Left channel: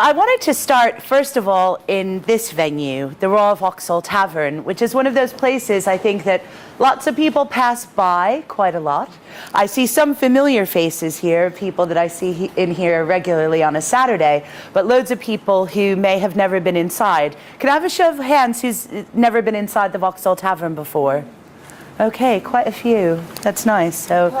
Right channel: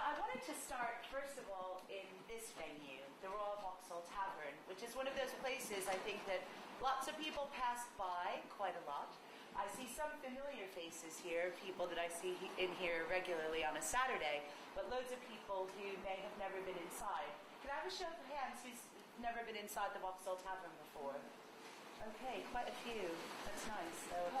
I wanted to start, first of all, in this venue, the Royal Vauxhall Tavern, which is one of those places I think that lots of people pass by quite a lot. I see some familiar faces here, people that I see in here regularly on a Saturday, but loads of people who may have never been inside. Can I have a show of hands who's never been inside the Vauxhall Tavern before? Okay, quite a few. That's nice. So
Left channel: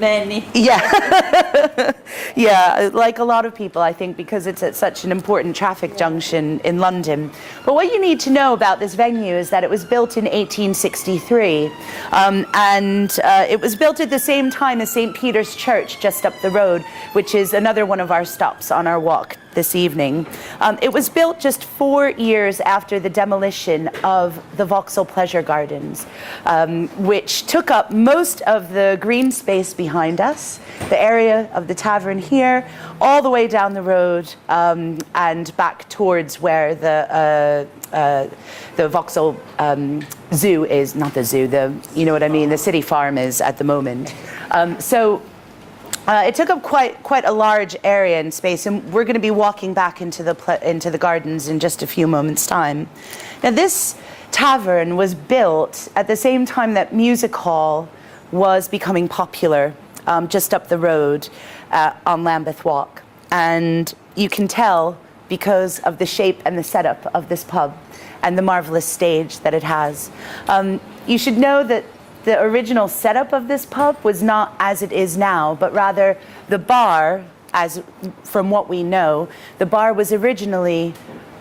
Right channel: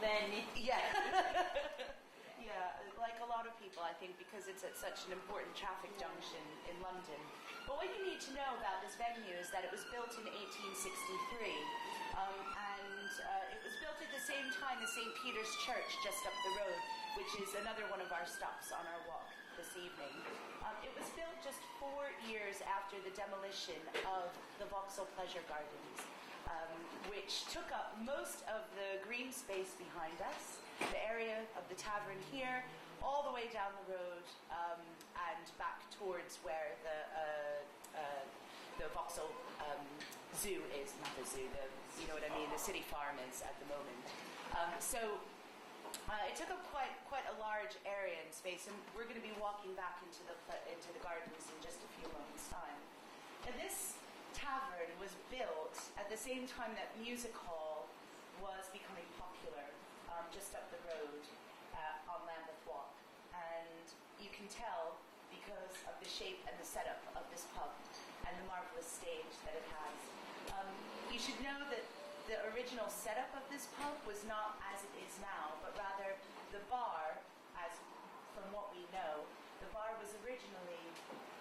many. Yeah. Yeah, like a lot of people, I think, because it's at such an important traffic junction in London. But what you need to know about this venue is that it was built in 1863. It was built at the same time as St. Peter's Church just up the road, which is another one of our stops on our walk this evening. It was built just 4 years after the demolition of the Vauxhall Pleasure Gardens, which took up most of the green space behind us, the area of the tavern here, all the way down the road and back towards where the Vauxhall Zoo is, not the zoo, you know what I mean, the city farm is at the moment. It took up quite a large area and space, and we're going to be walking back into the gardens in just a few moments' time. Now, this tavern was built at the same time that music hall was becoming popular, just up the road on Lambeth Walk, and you can tell because of the shape and the setup of this pub and the marvelous stage that it has. You should know that the original setup of this pub was not as it is now, but rather the bar, from what we know, the bar was originally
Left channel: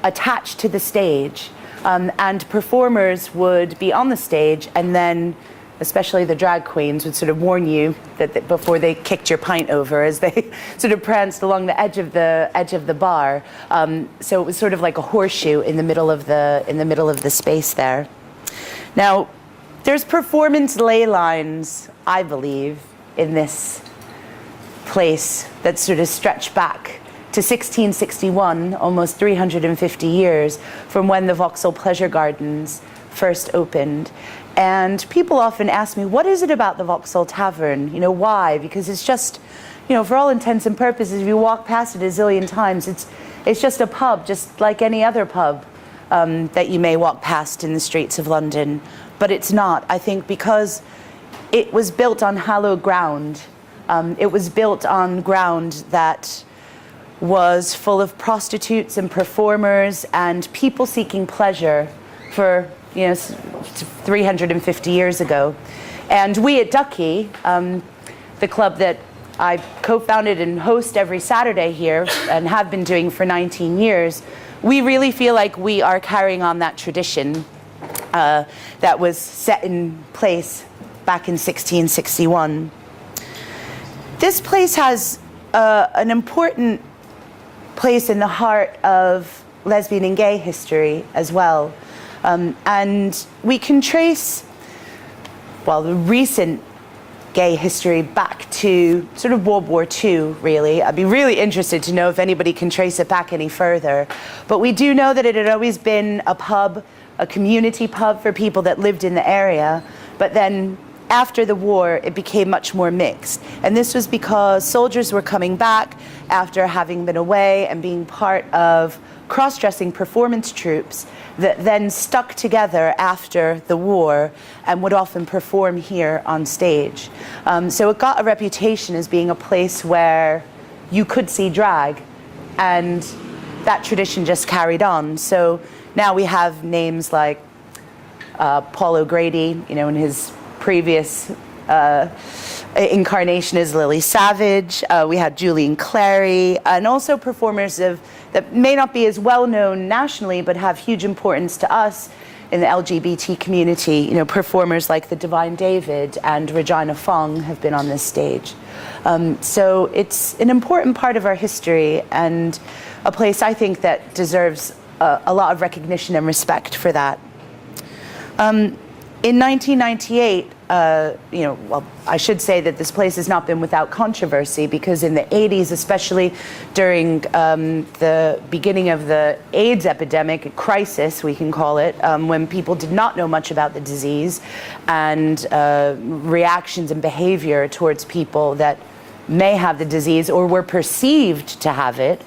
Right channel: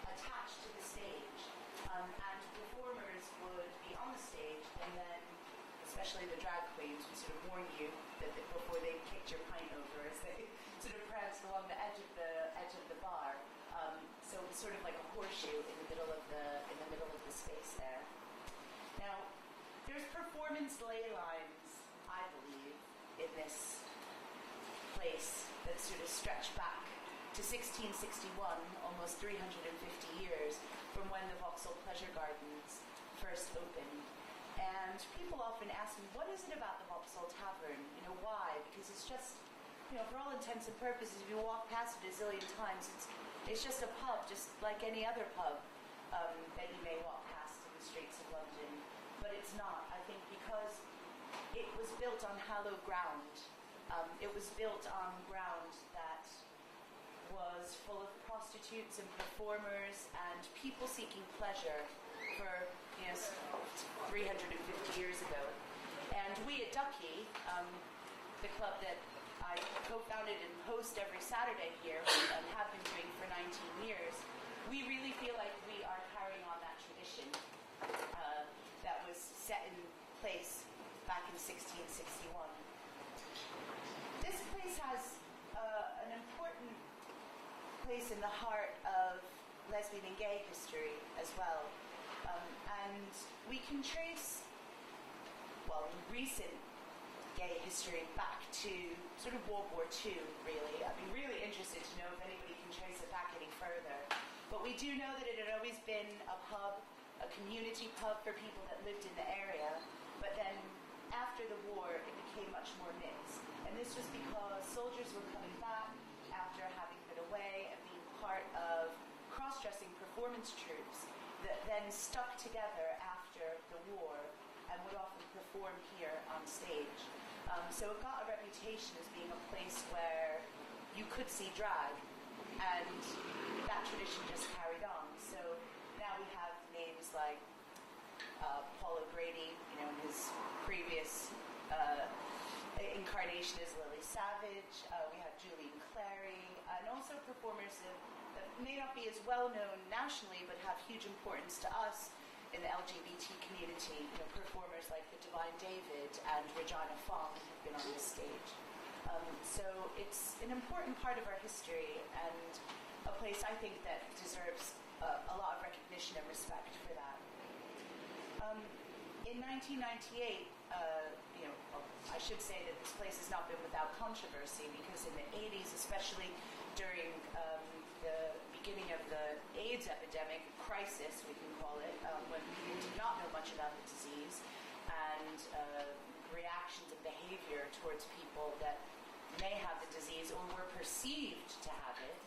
attached to the stage, and performers would be on the stage, and then especially the drag queens would sort of warn you that before they kicked your pint over as they sort of pranced along the edge of the bar. So it was sort of like a horseshoe in the middle of the space there. Now, there's performance ley lines, I believe, in this place that sort of stretch back to 1661, almost 350 years from when the Vauxhall Pleasure Gardens first opened. And people often ask me, what is it about the Vauxhall Tavern? You know, why? Because it's just, you know, for all intents and purposes, if you walk past it a zillion times, it's just a pub, just like any other pub that you may walk past in the streets of London. But it's not, I think, because it was built on hallowed ground. It was built on ground that was full of prostitutes and performers and people seeking pleasure for, 350 years ago. And we at Ducky, the club that I co-founded and host every Saturday here and have been doing for 19 years, we really feel like we are carrying on that tradition that was set in place back in 1661. This place has an important place in the heart of lesbian and gay history as well. And we can trace, well, the recent gay history back to sort of World War II, really. I'd be really interested to know if anybody can trace it back any further. But we do know that it had always been a pub, a community pub for people that lived in the area. But then after the war, it became much more mixed. And this was because soldiers were coming back after having been away and being part of cross-dressing performance troupes that then stuck together after the war and would often perform here on stage. So it got a reputation as being a place where you could see drag, and that tradition just carried on. So now we have names like Paul O'Grady, in his previous incarnation as Lily Savage. We had Julian Clary, and also performers that may not be as well known nationally, but have huge importance to us in the LGBT community. Performers like the Divine David and Regina Fong have been on this stage. So it's an important part of our history, and a place I think that deserves a lot of recognition and respect for that. In 1998, well, I should say that this place has not been without controversy, because in the 80s, especially during the beginning of the AIDS epidemic, crisis, we can call it, when people did not know much about the disease, and reactions and behavior towards people that may have the disease or were perceived to have it.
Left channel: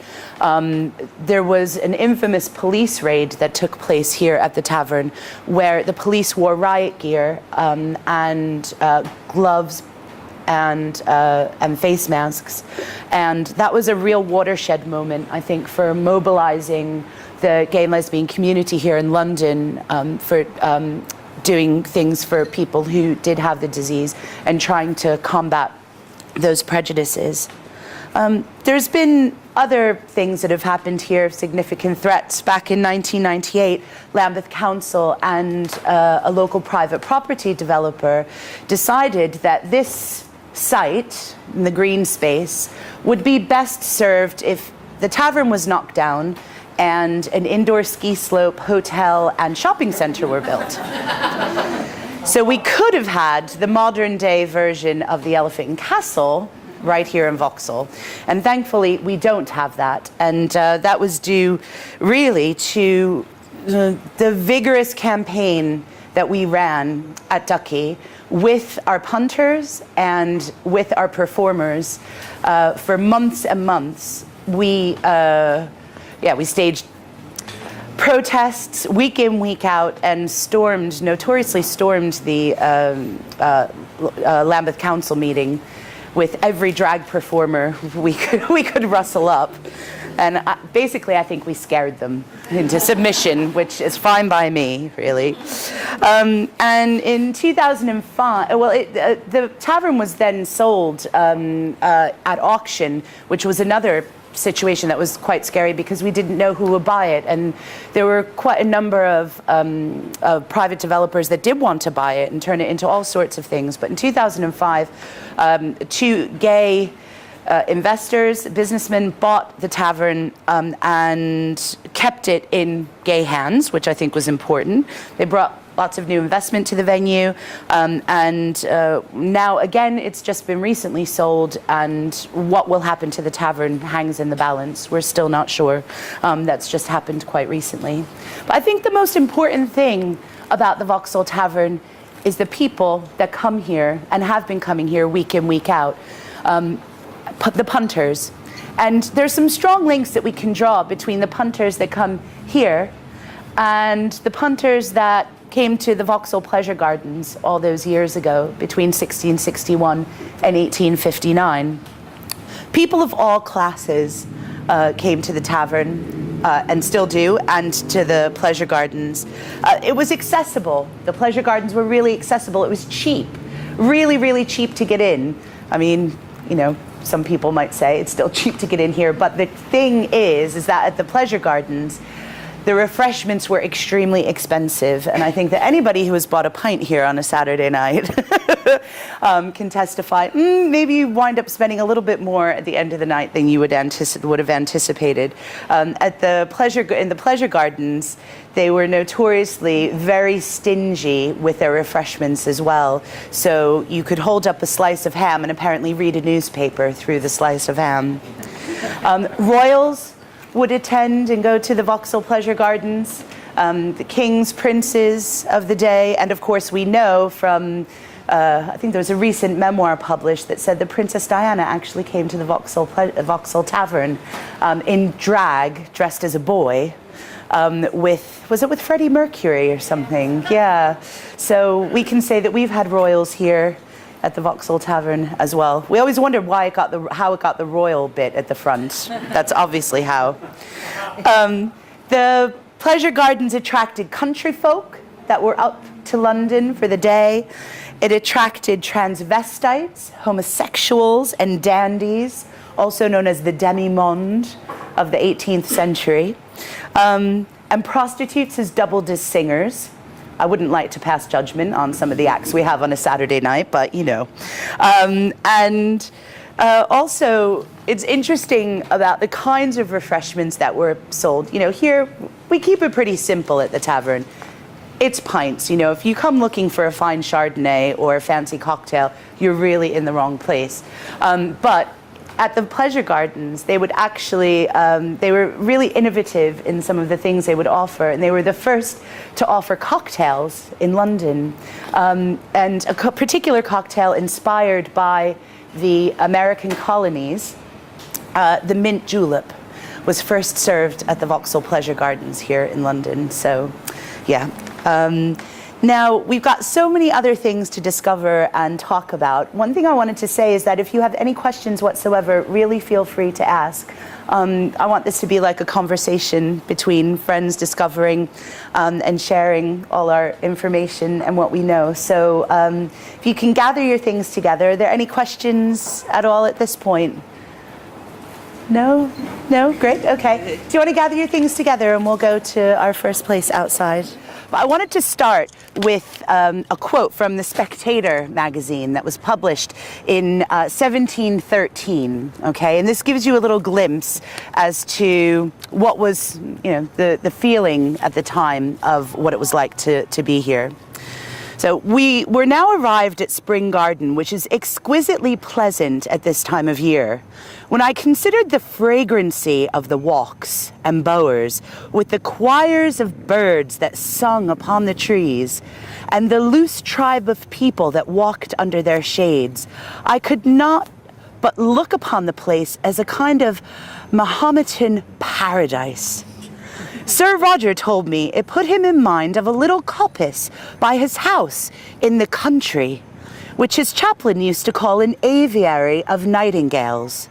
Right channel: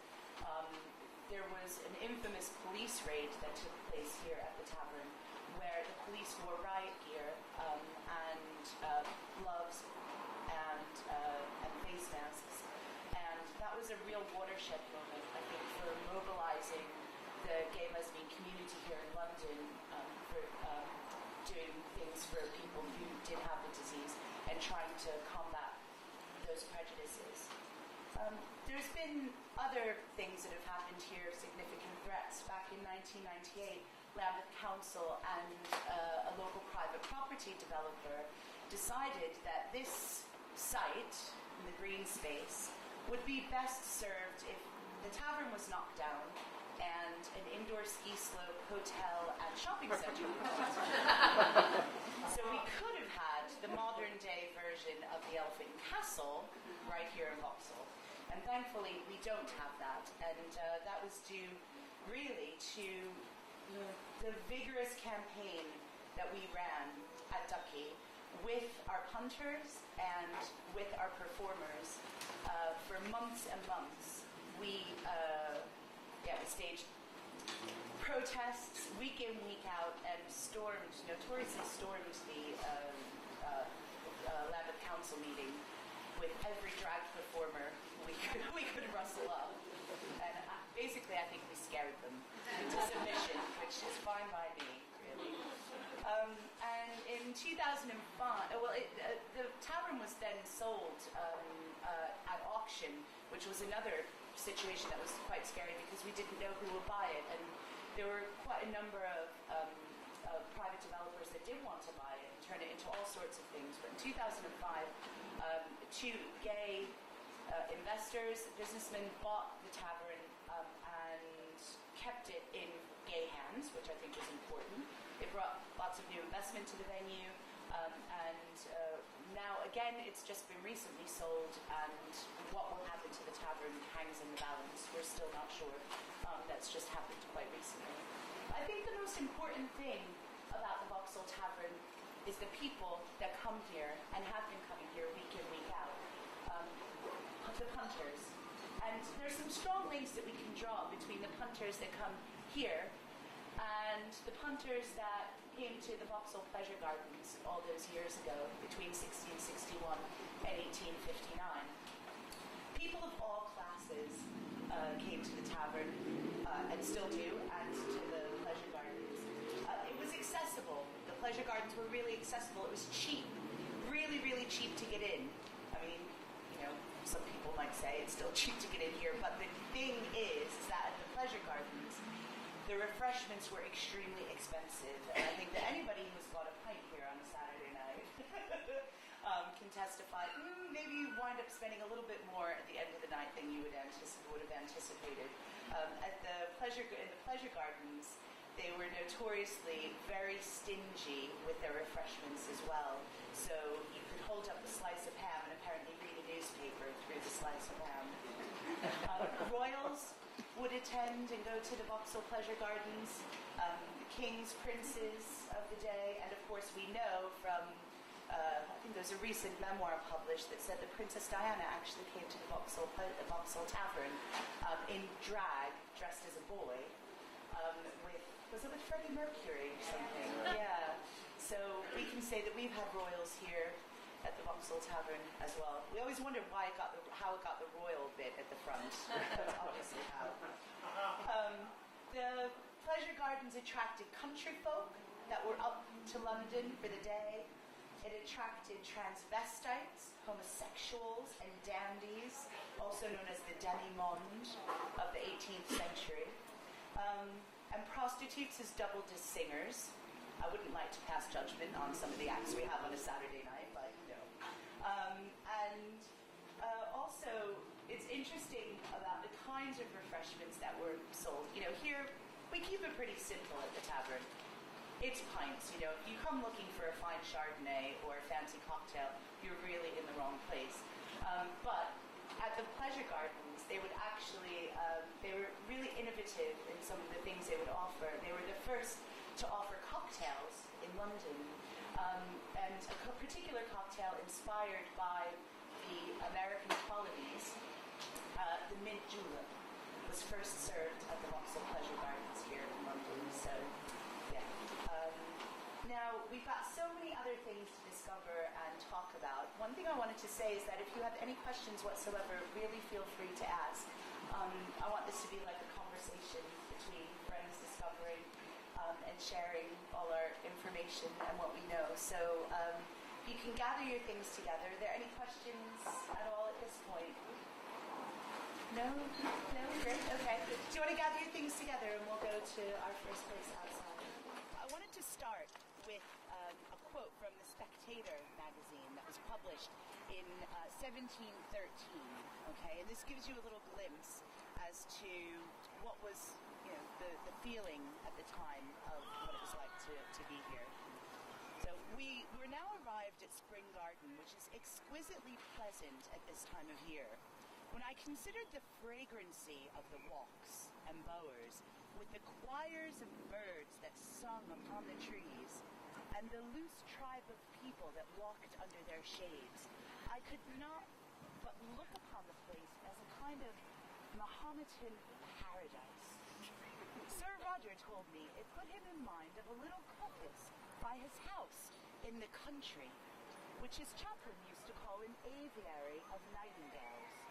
There was an infamous police raid that took place here at the tavern where the police wore riot gear and gloves and face masks. And that was a real watershed moment, I think, for mobilizing the gay and lesbian community here in London for doing things for people who did have the disease and trying to combat those prejudices. There's been other things that have happened here, significant threats. Back in 1998, Lambeth Council and a local private property developer decided that this site, in the green space, would be best served if the tavern was knocked down and an indoor ski slope, hotel, and shopping center were built. So we could have had the modern day version of the Elephant and Castle right here in Vauxhall. And thankfully, we don't have that. And that was due really to the vigorous campaign that we ran at Ducky with our punters and with our performers for months and months. We staged protests week in, week out, and notoriously stormed the Lambeth Council meeting with every drag performer we could rustle up. And basically, I think we scared them into submission, which is fine by me, really. And in 2005, the tavern was then sold at auction, which was another situation that was quite scary because we didn't know who would buy it, and there were quite a number of private developers that did want to buy it and turn it into all sorts of things. But in 2005, two gay investors, businessmen, bought the tavern and kept it in gay hands, which I think was important. They brought lots of new investment to the venue, and now again it's just been recently sold, and what will happen to the tavern hangs in the balance. We're still not sure. That's just happened quite recently. But I think the most important thing about the Vauxhall Tavern is the people that come here and have been coming here week in, week out, the punters. And there's some strong links that we can draw between the punters that come here and the punters that came to the Vauxhall Pleasure Gardens all those years ago, between 1661 and 1859. People of all classes came to the tavern, and still do, and to the Pleasure Gardens. It was accessible. The Pleasure Gardens were really accessible. It was cheap, really, really cheap to get in. I mean, you know, some people might say it's still cheap to get in here, but the thing is that at the Pleasure Gardens, the refreshments were extremely expensive, and I think that anybody who has bought a pint here on a Saturday night can testify, maybe you wind up spending a little bit more at the end of the night than you would have anticipated. In the Pleasure Gardens, they were notoriously very stingy with their refreshments as well. So you could hold up a slice of ham and apparently read a newspaper through the slice of ham. Royals would attend and go to the Vauxhall Pleasure Gardens, the kings, princes of the day, and of course we know from, I think there was a recent memoir published that said that Princess Diana actually came to the Vauxhall Tavern in drag, dressed as a boy, was it with Freddie Mercury or something? Yeah. So we can say that we've had royals here at the Vauxhall Tavern as well. We always wondered how it got the royal bit at the front. That's obviously how. The Pleasure Gardens attracted country folk that were up to London for the day. It attracted transvestites, homosexuals, and dandies, also known as the demi-monde of the 18th century. And prostitutes as doubled as singers. I wouldn't like to pass judgment on some of the acts we have on a Saturday night, but you know. Also, it's interesting about the kinds of refreshments that were sold. You know, here, we keep it pretty simple at the tavern. It's pints. You know, if you come looking for a fine Chardonnay or a fancy cocktail, you're really in the wrong place. But at the Pleasure Gardens, they would actually, they were really innovative in some of the things they would offer, and they were the first to offer cocktails in London, and a particular cocktail inspired by the American colonies, the mint julep was first served at the Vauxhall Pleasure Gardens here in London. So, yeah. Now, we've got so many other things to discover and talk about. One thing I wanted to say is that if you have any questions whatsoever, really feel free to ask. I want this to be like a conversation between friends discovering and sharing all our information and what we know. So if you can gather your things together, are there any questions at all at this point? No? No? Great, okay. Do you want to gather your things together and we'll go to our first place outside? I wanted to start with a quote from the Spectator magazine that was published in 1713, okay? And this gives you a little glimpse as to what was, you know, the feeling at the time of what it was like to be here. So we're now arrived at Spring Garden, which is exquisitely pleasant at this time of year. When I considered the fragrancy of the walks and bowers, with the choirs of birds that sung upon the trees, and the loose tribe of people that walked under their shades, I could not but look upon the place as a kind of Mahometan paradise. Sir Roger told me it put him in mind of a little coppice by his house in the country, which his chaplain used to call an aviary of nightingales.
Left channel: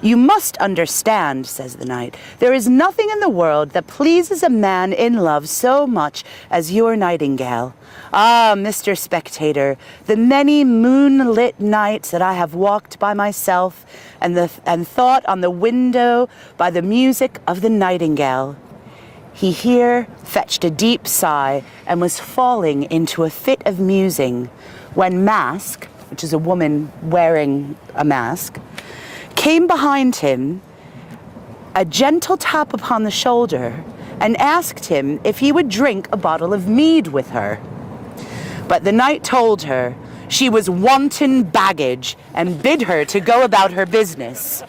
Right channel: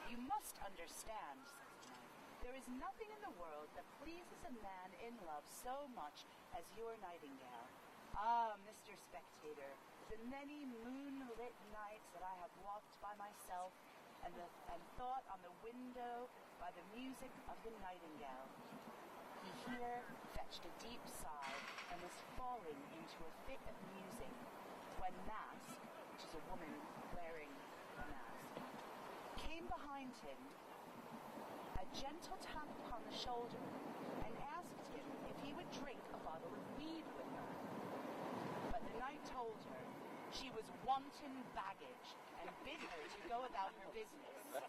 You must understand, says the knight, there is nothing in the world that pleases a man in love so much as your nightingale. Ah, Mr. Spectator, the many moonlit nights that I have walked by myself and thought on the window by the music of the nightingale. He here fetched a deep sigh and was falling into a fit of musing when Mask, which is a woman wearing a mask, came behind him, a gentle tap upon the shoulder, and asked him if he would drink a bottle of mead with her. But the knight told her she was wanton baggage and bid her to go about her business.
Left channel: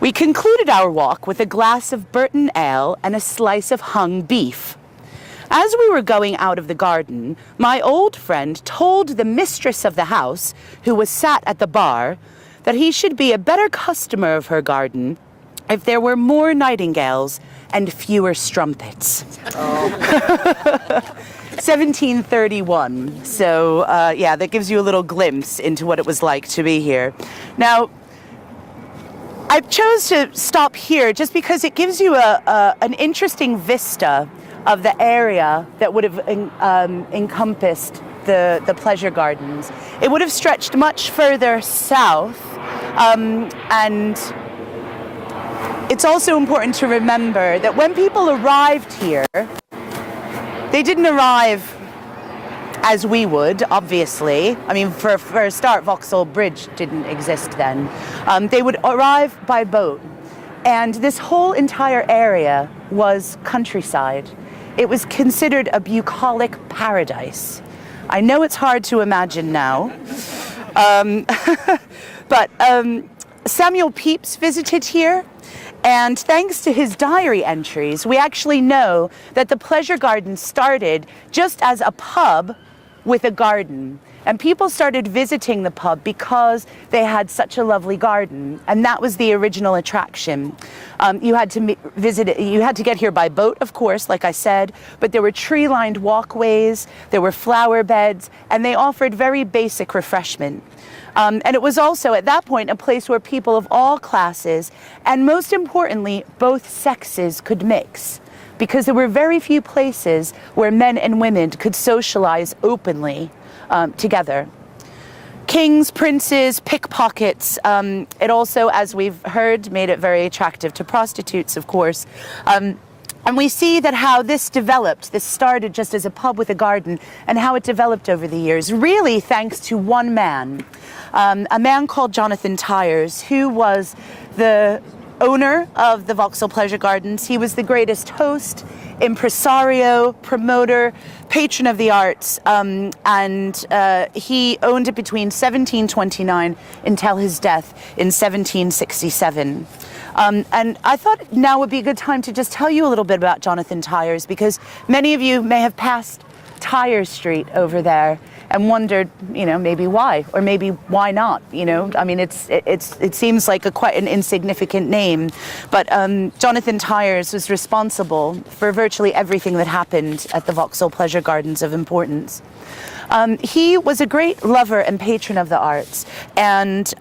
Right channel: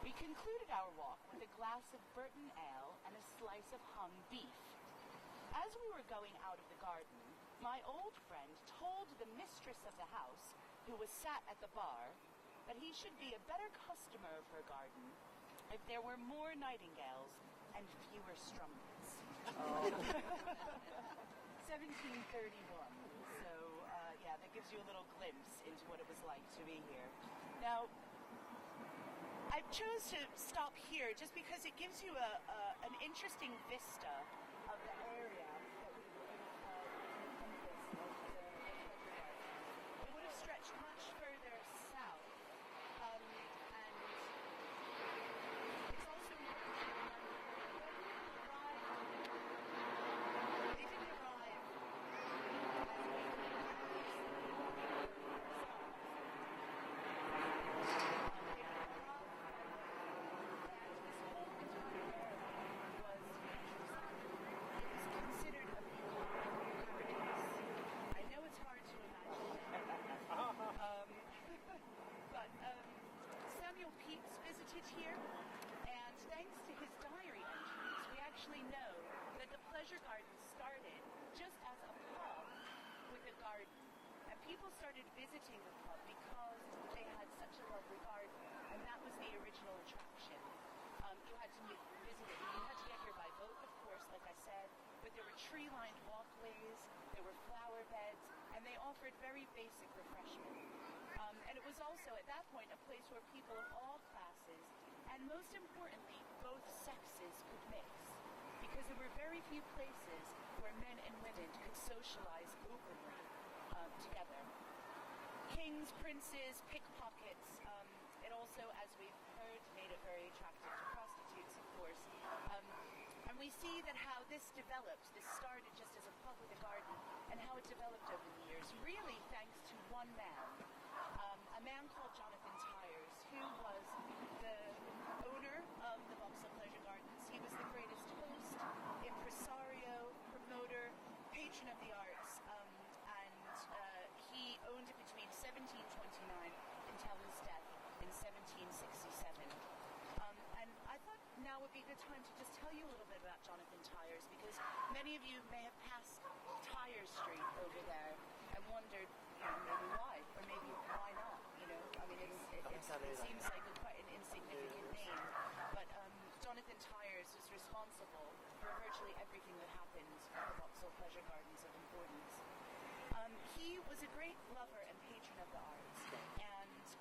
We concluded our walk with a glass of Burton ale and a slice of hung beef. As we were going out of the garden, my old friend told the mistress of the house, who was sat at the bar, that he should be a better customer of her garden if there were more nightingales and fewer strumpets. Oh. 1731. So, yeah, that gives you a little glimpse into what it was like to be here. Now, I chose to stop here just because it gives you an interesting vista of the area that would have encompassed the pleasure gardens. It would have stretched much further south, and it's also important to remember that when people arrived here, they didn't arrive as we would, obviously. I mean, for a start, Vauxhall Bridge didn't exist then. They would arrive by boat, and this whole entire area was countryside. It was considered a bucolic paradise. I know it's hard to imagine now, but Samuel Pepys visited here, and thanks to his diary entries, we actually know that the pleasure garden started just as a pub with a garden. And people started visiting the pub because they had such a lovely garden, and that was the original attraction. You had to visit it, you had to get here by boat, of course, like I said, but there were tree-lined walkways, there were flower beds, and they offered very basic refreshment. And it was also, at that point, a place where people of all classes, and most importantly, both sexes could mix, because there were very few places where men and women could socialize openly together. Kings, princes, pickpockets. It also, as we've heard, made it very attractive to prostitutes, of course. And we see that how this developed. This started just as a pub with a garden, and how it developed over the years, really thanks to one man, a man called Jonathan Tyers, who was the owner of the Vauxhall Pleasure Gardens. He was the greatest host, impresario, promoter, patron of the arts, and he owned it between 1729 until his death in 1767. And I thought now would be a good time to just tell you a little bit about Jonathan Tyers, because many of you may have passed Tyers Street over there, and wondered, maybe why, or maybe why not, I mean, it seems like quite an insignificant name, but Jonathan Tyers was responsible for virtually everything that happened at the Vauxhall Pleasure Gardens of importance. He was a great lover and patron of the arts, and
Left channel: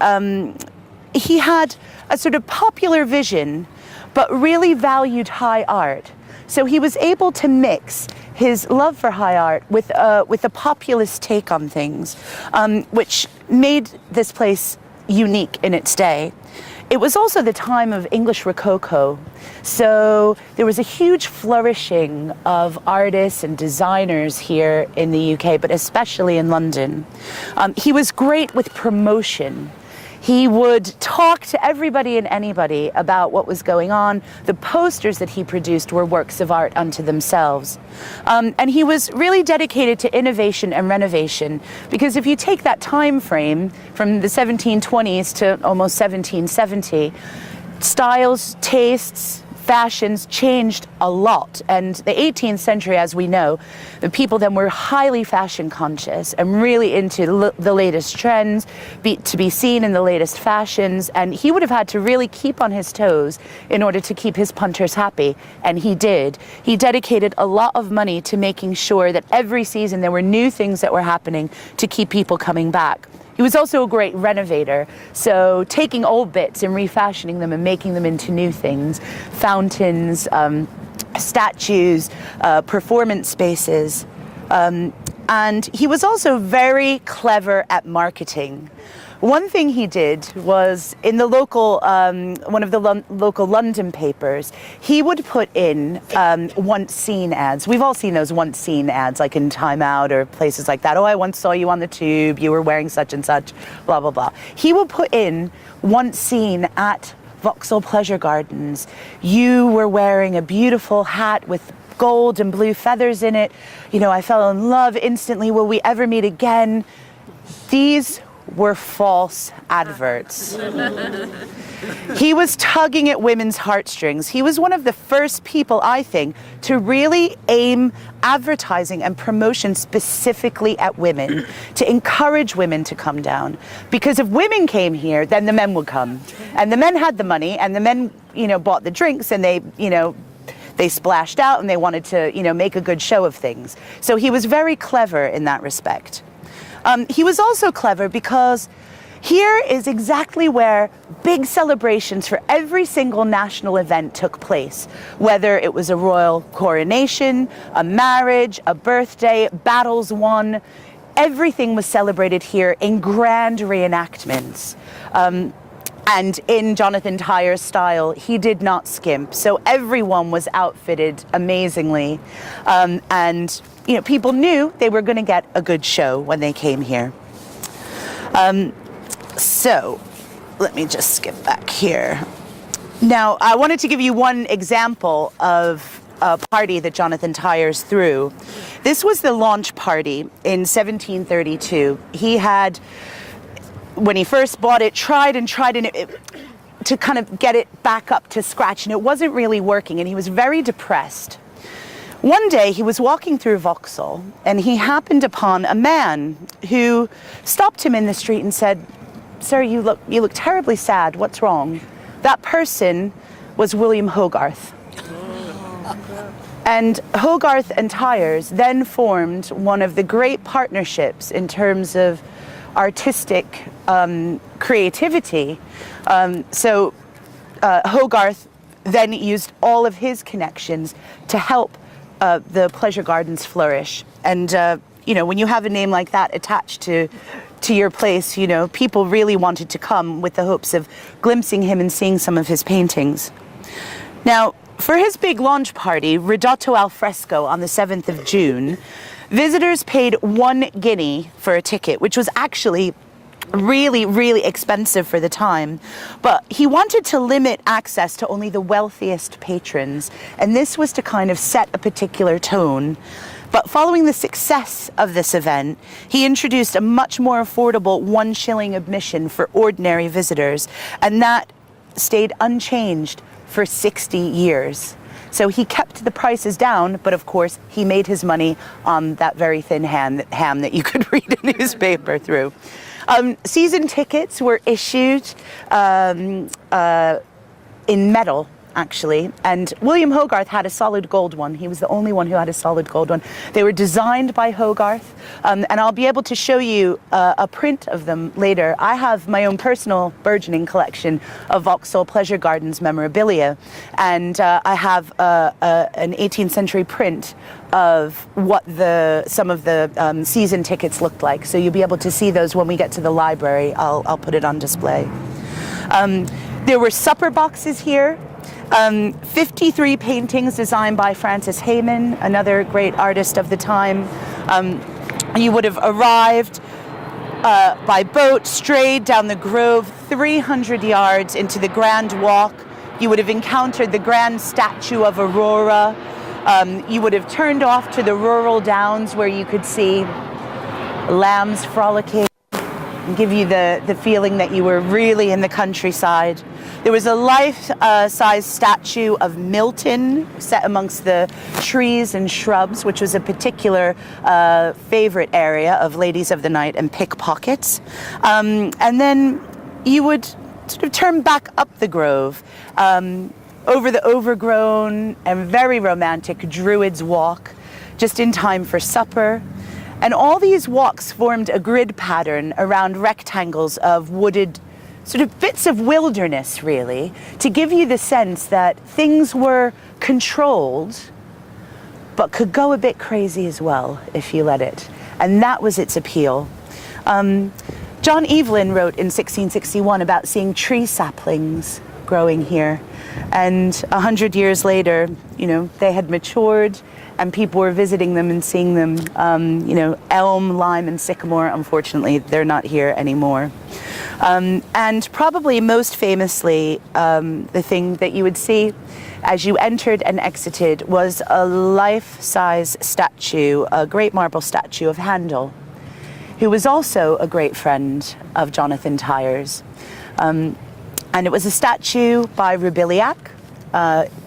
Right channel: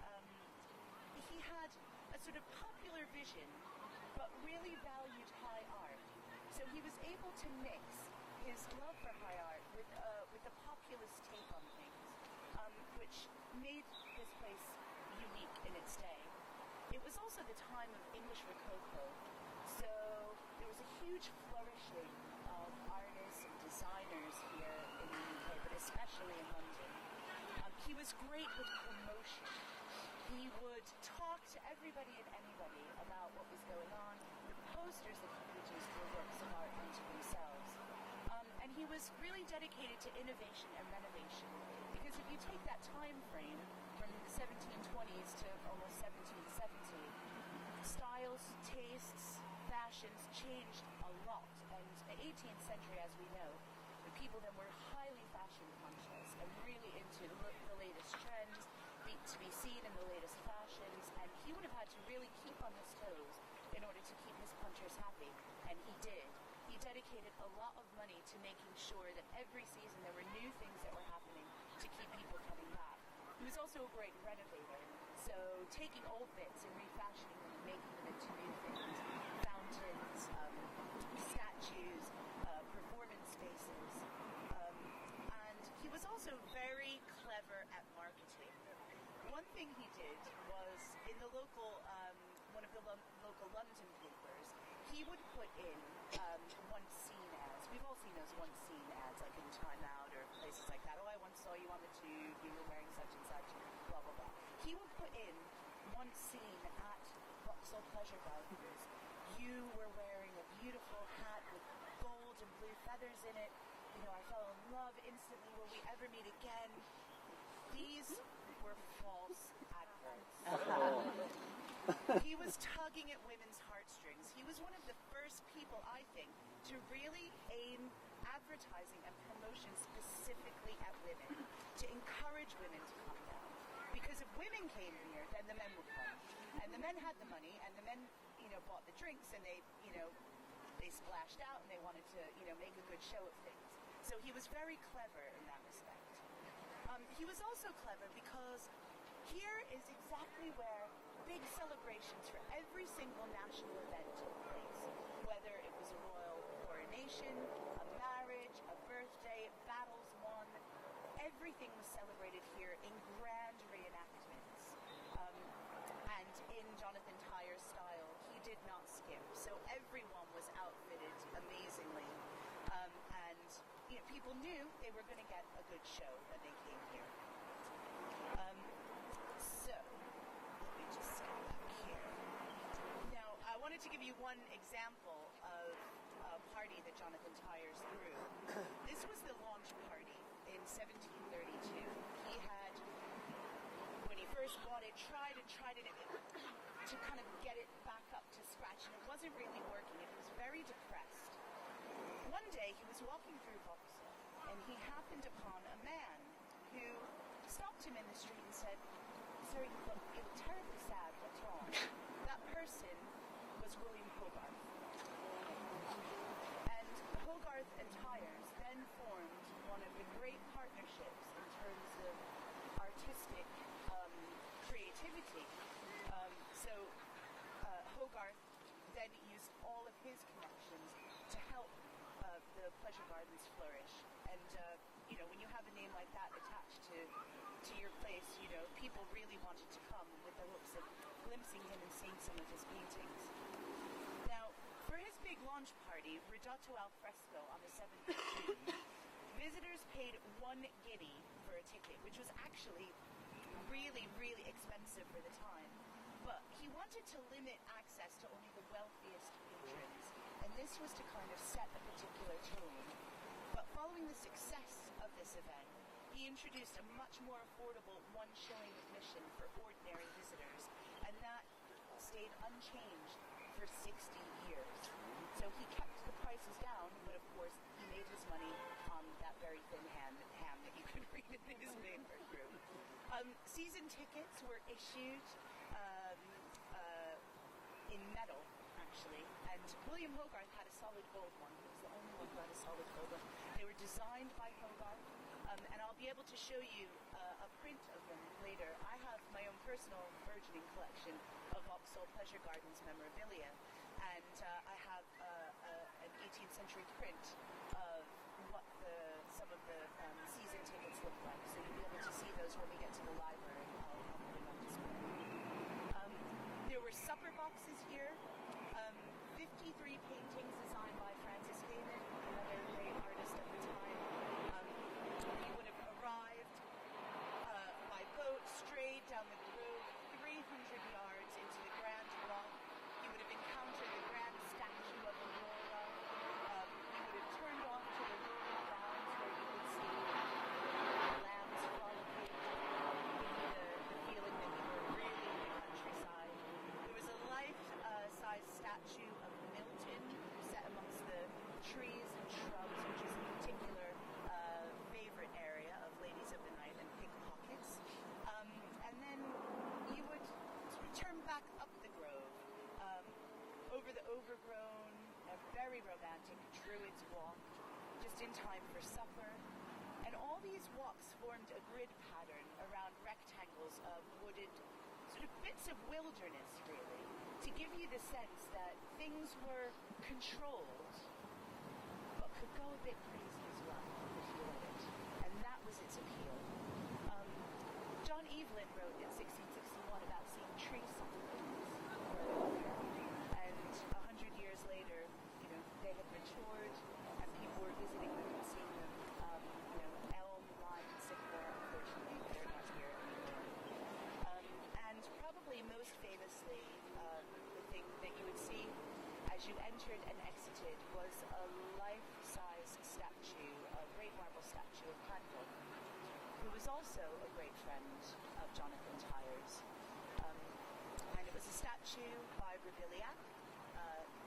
he had a sort of popular vision, but really valued high art. So he was able to mix his love for high art with a populist take on things, which made this place unique in its day. It was also the time of English Rococo, so there was a huge flourishing of artists and designers here in the UK, but especially in London. He was great with promotion. He would talk to everybody and anybody about what was going on. The posters that he produced were works of art unto themselves. And he was really dedicated to innovation and renovation, because if you take that time frame from the 1720s to almost 1770, styles, tastes, fashions changed a lot. And the 18th century, as we know, the people then were highly fashion conscious and really into the latest trends, to be seen in the latest fashions. And he would have had to really keep on his toes in order to keep his punters happy. And he did. He dedicated a lot of money to making sure that every season there were new things that were happening to keep people coming back. He was also a great renovator, so taking old bits and refashioning them and making them into new things, fountains, statues, performance spaces. And he was also very clever at marketing. One thing he did was in the local, one of the local London papers, he would put in once seen ads. We've all seen those once seen ads, like in Time Out or places like that. Oh, I once saw you on the tube, you were wearing such and such, blah, blah, blah. He would put in once seen at Vauxhall Pleasure Gardens. You were wearing a beautiful hat with gold and blue feathers in it. I fell in love instantly. Will we ever meet again? These were false adverts. He was tugging at women's heartstrings. He was one of the first people, I think, to really aim advertising and promotion specifically at women, to encourage women to come down. Because if women came here, then the men would come. And the men had the money, and the men, bought the drinks, and they splashed out, and they wanted to, make a good show of things. So he was very clever in that respect. He was also clever because here is exactly where big celebrations for every single national event took place, whether it was a royal coronation, a marriage, a birthday, battles won. Everything was celebrated here in grand reenactments. And in Jonathan Tyers' style, he did not skimp. So everyone was outfitted amazingly. And people knew they were going to get a good show when they came here. So let me just skip back here. Now, I wanted to give you one example of a party that Jonathan Tyers threw. This was the launch party in 1732. He had, when he first bought it, tried and to kind of get it back up to scratch, and it wasn't really working, and he was very depressed. One day he was walking through Vauxhall, and he happened upon a man who stopped him in the street and said, "Sir, you look terribly sad. What's wrong?" That person was William Hogarth. And Hogarth and Tyers then formed one of the great partnerships in terms of artistic creativity. Hogarth then used all of his connections to help the pleasure gardens flourish. And when you have a name like that attached to your place, people really wanted to come with the hopes of glimpsing him and seeing some of his paintings. Now, for his big launch party, Ridotto al Fresco, on the 7th of June, visitors paid 1 guinea for a ticket, which was actually really, really expensive for the time. But he wanted to limit access to only the wealthiest patrons, and this was to kind of set a particular tone. But following the success of this event, he introduced a much more affordable 1 shilling admission for ordinary visitors, and that stayed unchanged for 60 years. So he kept the prices down, but of course he made his money on that very thin ham that you could read a newspaper through. Season tickets were issued in metal, actually, and William Hogarth had a solid gold one. He was the only one who had a solid gold one. They were designed by Hogarth, and I'll be able to show you a print of them later. I have my own personal burgeoning collection of Vauxhall Pleasure Gardens memorabilia, and I have an 18th century print of what some of the season tickets looked like. So you'll be able to see those when we get to the library. I'll put it on display. There were supper boxes here. 53 paintings designed by Francis Hayman, another great artist of the time. You would have arrived by boat, strayed down the Grove 300 yards into the Grand Walk. You would have encountered the grand statue of Aurora. You would have turned off to the rural downs where you could see lambs frolicking and give you the feeling that you were really in the countryside. There was a life-size statue of Milton set amongst the trees and shrubs, which was a particular favorite area of ladies of the night and pickpockets. And then you would sort of turn back up the Grove over the overgrown and very romantic Druid's Walk, just in time for supper. And all these walks formed a grid pattern around rectangles of wooded, sort of bits of wilderness, really, to give you the sense that things were controlled, but could go a bit crazy as well if you let it. And that was its appeal. John Evelyn wrote in 1661 about seeing tree saplings growing here. And 100 years later, you know, they had matured and people were visiting them and seeing them. You know, elm, lime, and sycamore, unfortunately, they're not here anymore. And probably most famously, the thing that you would see as you entered and exited was a life-size statue, a great marble statue of Handel, who was also a great friend of Jonathan Tyers. And it was a statue by Roubiliac,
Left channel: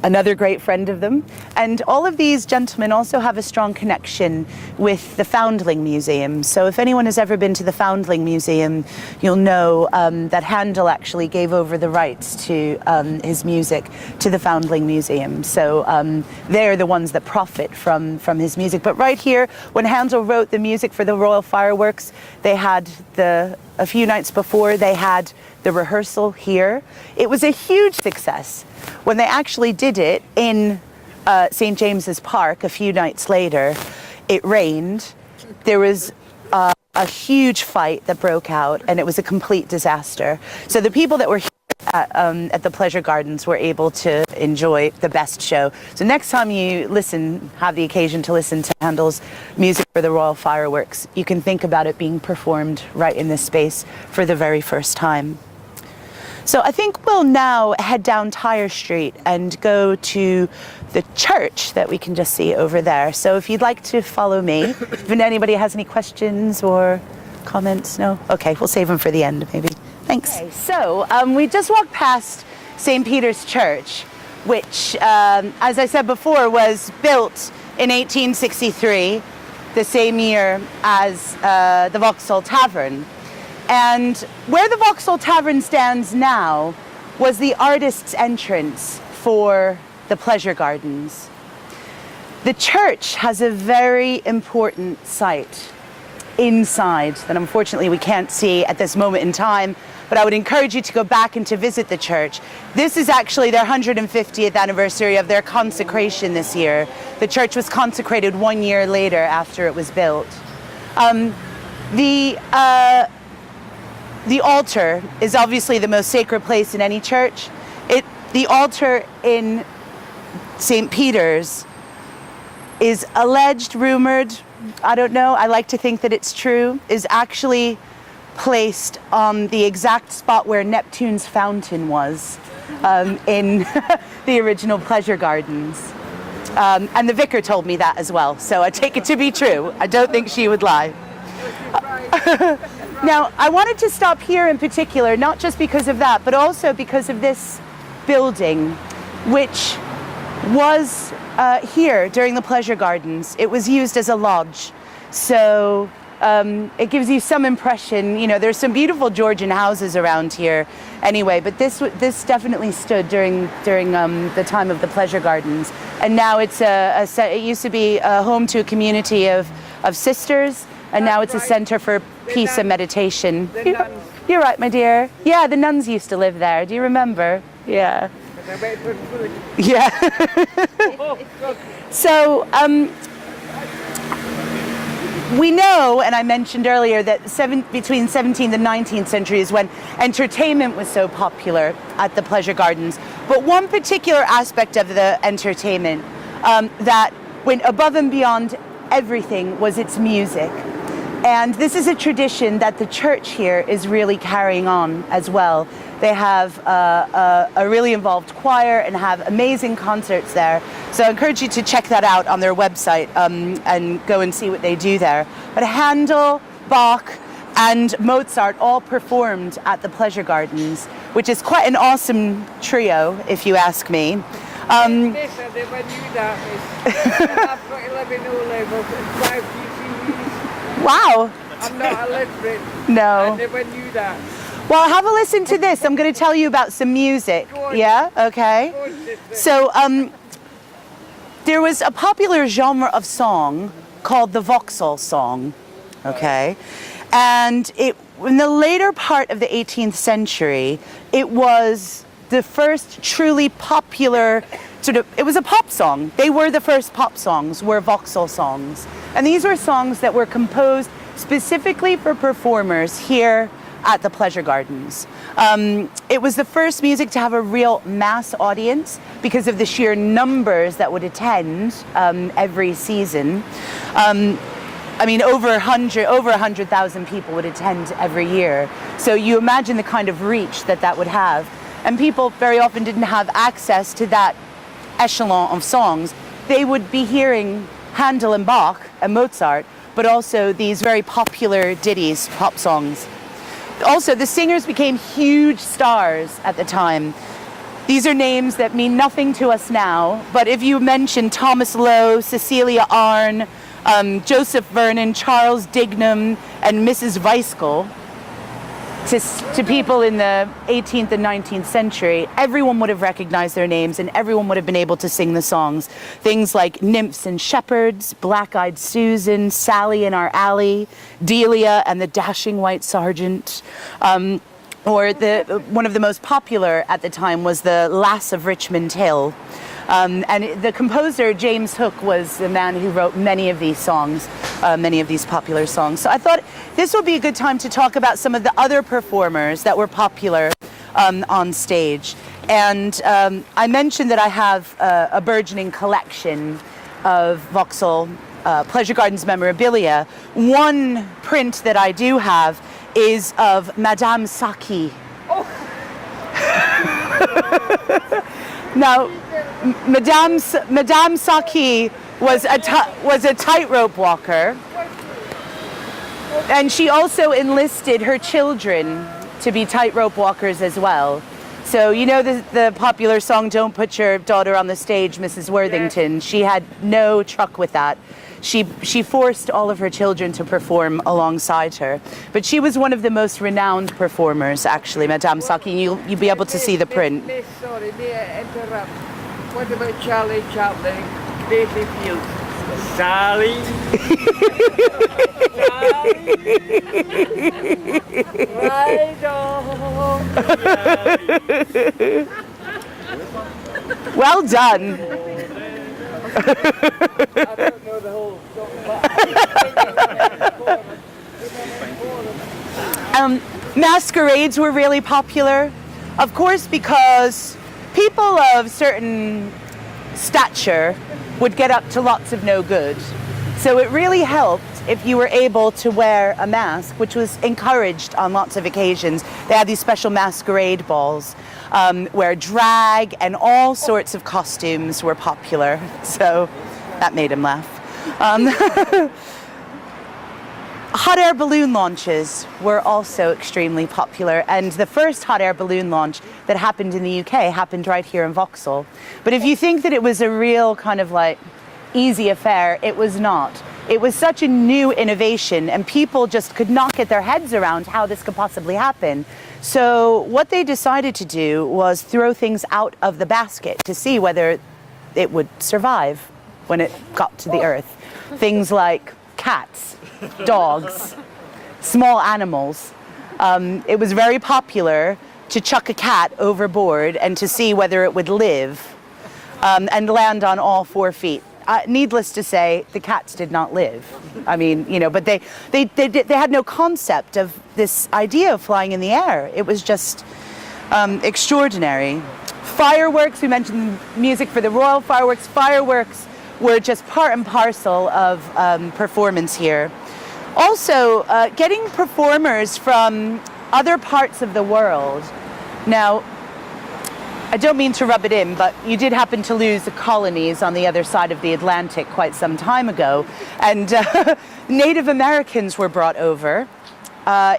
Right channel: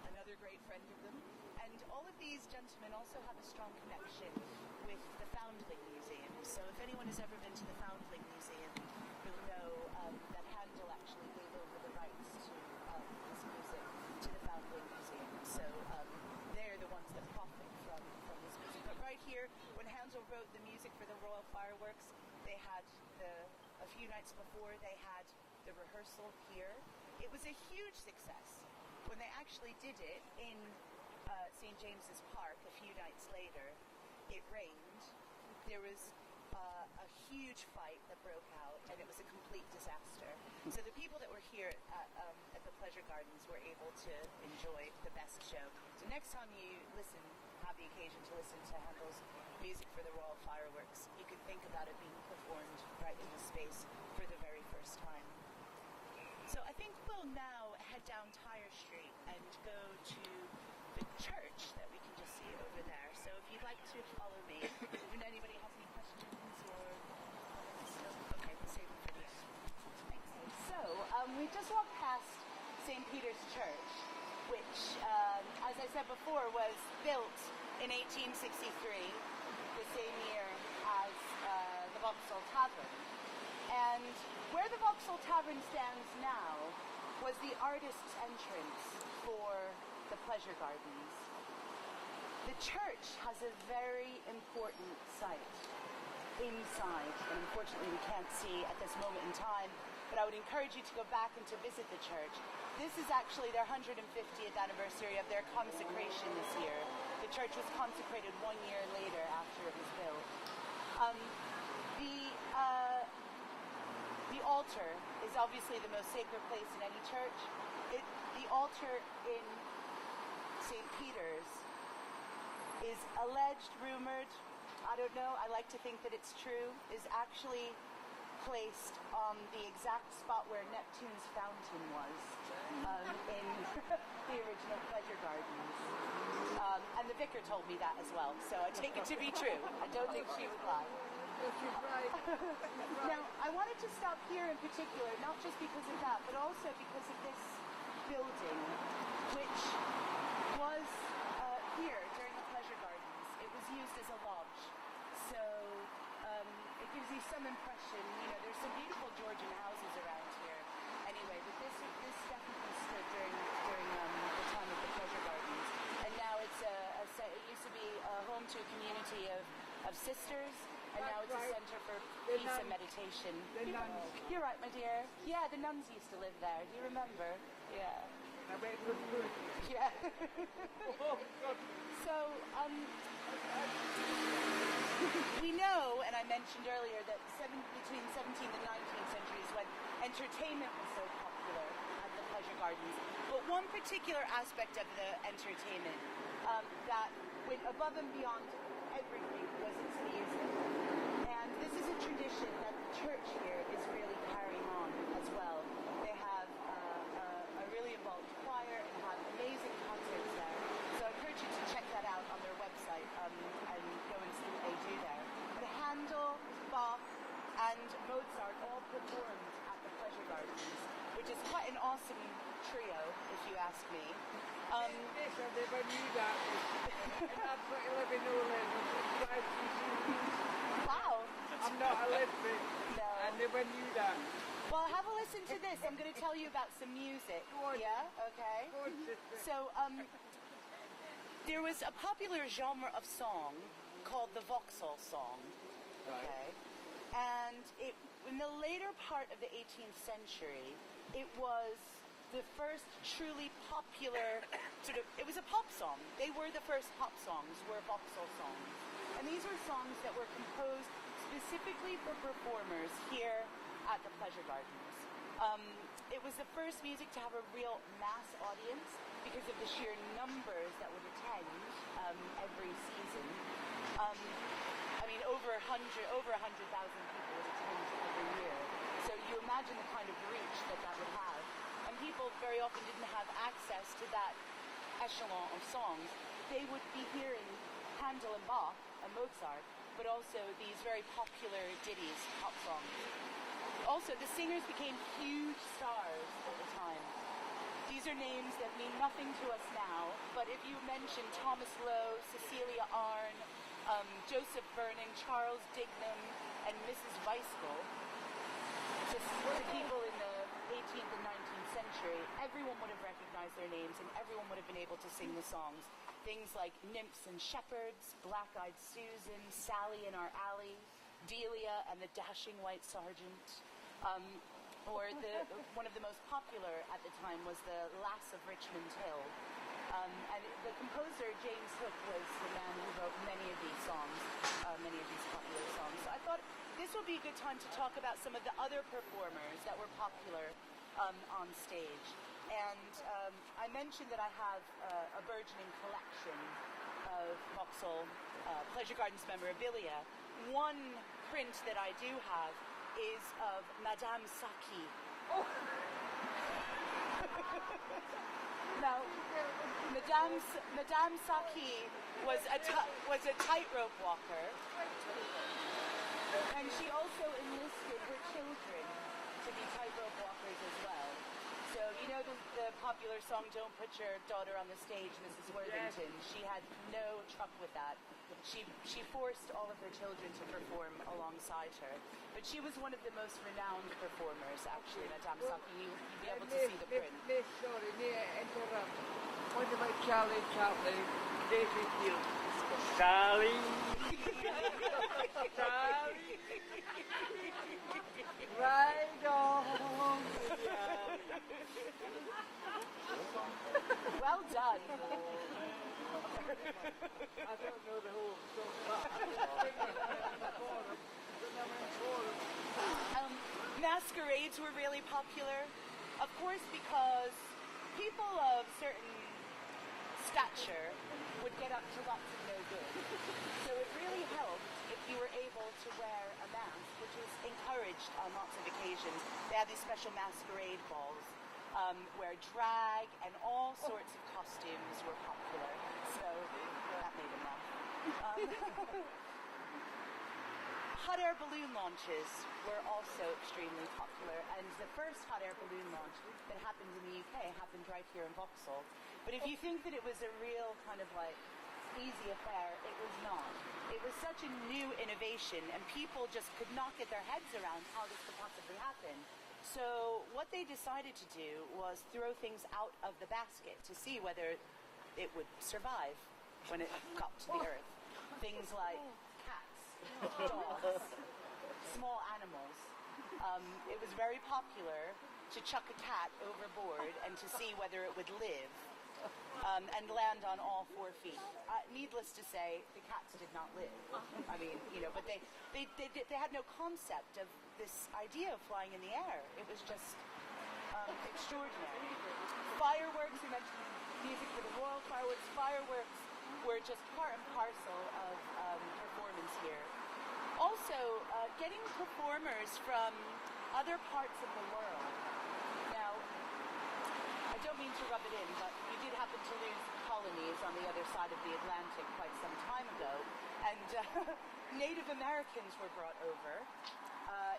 another great friend of them. And all of these gentlemen also have a strong connection with the Foundling Museum. So if anyone has ever been to the Foundling Museum, you'll know that Handel actually gave over the rights to his music to the Foundling Museum. So they're the ones that profit from his music. But right here, when Handel wrote the music for the Royal Fireworks, they had a few nights before, they had the rehearsal here. It was a huge success. When they actually did it in St. James's Park a few nights later, it rained. There was a huge fight that broke out, and it was a complete disaster. So the people that were here at the Pleasure Gardens were able to enjoy the best show. So next time you have the occasion to listen to Handel's music for the Royal Fireworks, you can think about it being performed right in this space for the very first time. So I think we'll now head down Tyre Street and go to the church that we can just see over there. So if you'd like to follow me, if anybody has any questions or comments, no? Okay, we'll save them for the end, maybe. Thanks. Okay, so we just walked past St. Peter's Church, which, as I said before, was built in 1863, the same year as the Vauxhall Tavern. And where the Vauxhall Tavern stands now was the artist's entrance for the Pleasure Gardens. The church has a very important site inside that unfortunately we can't see at this moment in time, but I would encourage you to go back and to visit the church. This is actually their 150th anniversary of their consecration this year. The church was consecrated 1 year later after it was built. The altar is obviously the most sacred place in any church. The altar in St. Peter's is alleged, rumored, I don't know, I like to think that it's true, is actually placed on the exact spot where Neptune's fountain was in the original Pleasure Gardens. And the vicar told me that as well, so I take it to be true. I don't think she would lie. Now, I wanted to stop here in particular, not just because of that, but also because of this building, which was here during the pleasure gardens. It was used as a lodge. So it gives you some impression. You know, there's some beautiful Georgian houses around here anyway, but this definitely stood during the time of the pleasure gardens. And now it's it used to be a home to a community of sisters, and now it's a center for peace and meditation. You're right, my dear. Yeah, the nuns used to live there. Do you remember? Yeah. Yeah. So we know, and I mentioned earlier, that between 17th and 19th century is when entertainment was so popular at the pleasure gardens. But one particular aspect of the entertainment that went above and beyond everything was its music. And this is a tradition that the church here is really carrying on as well. They have a really involved choir and have amazing concerts there. So I encourage you to check that out on their website and go and see what they do there. But Handel, Bach, and Mozart all performed at the pleasure gardens, which is quite an awesome trio, if you ask me. Yes, I never knew that. I've got 11 O-levels and 5 GCSEs. Wow. I'm not illiterate. No. I never knew that. Well, have a listen to this. I'm going to tell you about some music. Yeah? Okay. So there was a popular genre of song called the Vauxhall song. Okay. And in the later part of the 18th century, it was the first truly popular it was a pop song. They were the first pop songs, were Vauxhall songs. And these were songs that were composed specifically for performers here at the pleasure gardens. It was the first music to have a real mass audience because of the sheer numbers that would attend every season. I mean, over 100,000 people would attend every year. So you imagine the kind of reach that would have. And people very often didn't have access to that echelon of songs. They would be hearing Handel and Bach and Mozart, but also these very popular ditties, pop songs. Also, the singers became huge stars at the time. These are names that mean nothing to us now, but if you mention Thomas Lowe, Cecilia Arne, Joseph Vernon, Charles Dignam, and Mrs. Weiskell, to people in the 18th and 19th century, everyone would have recognized their names and everyone would have been able to sing the songs. Things like Nymphs and Shepherds, Black-Eyed Susan, Sally in Our Alley, Delia and the Dashing White Sergeant. Or one of the most popular at the time was the Lass of Richmond Hill. And the composer, James Hook, was the man who wrote many of these songs, many of these popular songs. So I thought this would be a good time to talk about some of the other performers that were popular on stage. And I mentioned that I have a burgeoning collection of Vauxhall Pleasure Gardens memorabilia. One print that I do have is of Madame Saki. Oh. Now, Madame Saki was a tightrope walker, and she also enlisted her children to be tightrope walkers as well. So you know the popular song, "Don't Put Your Daughter on the Stage, Mrs. Worthington." She had no truck with that. She forced all of her children to perform alongside her. But she was one of the most renowned performers, actually, Madame Saki. You'll be able to see the print. Sorry, may I interrupt? What about Charlie Chaplin, Daisy Fields? Sally? Right on. Well done. I don't know the whole song, Masquerades were really popular, of course, because people of certain stature would get up to lots of no good. So it really helped if you were able to wear a mask, which was encouraged on lots of occasions. They had these special masquerade balls where drag and all sorts of costumes were popular. So that made him laugh. Hot air balloon launches were also extremely popular, and the first hot air balloon launch that happened in the UK happened right here in Vauxhall. But if you think that it was a real kind of like easy affair, it was not. It was such a new innovation, and people just could not get their heads around how this could possibly happen. So what they decided to do was throw things out of the basket to see whether it would survive when it got to the earth. Things like cats, dogs, small animals. It was very popular to chuck a cat overboard and to see whether it would live and land on all 4 feet. Needless to say, the cats did not live. I mean, you know, but they had no concept of this idea of flying in the air. It was just extraordinary. Fireworks, we mentioned music for the royal fireworks. Fireworks were just part and parcel of performance here. Also, getting performers from other parts of the world. Now, I don't mean to rub it in, but you did happen to lose the colonies on the other side of the Atlantic quite some time ago, and Native Americans were brought over.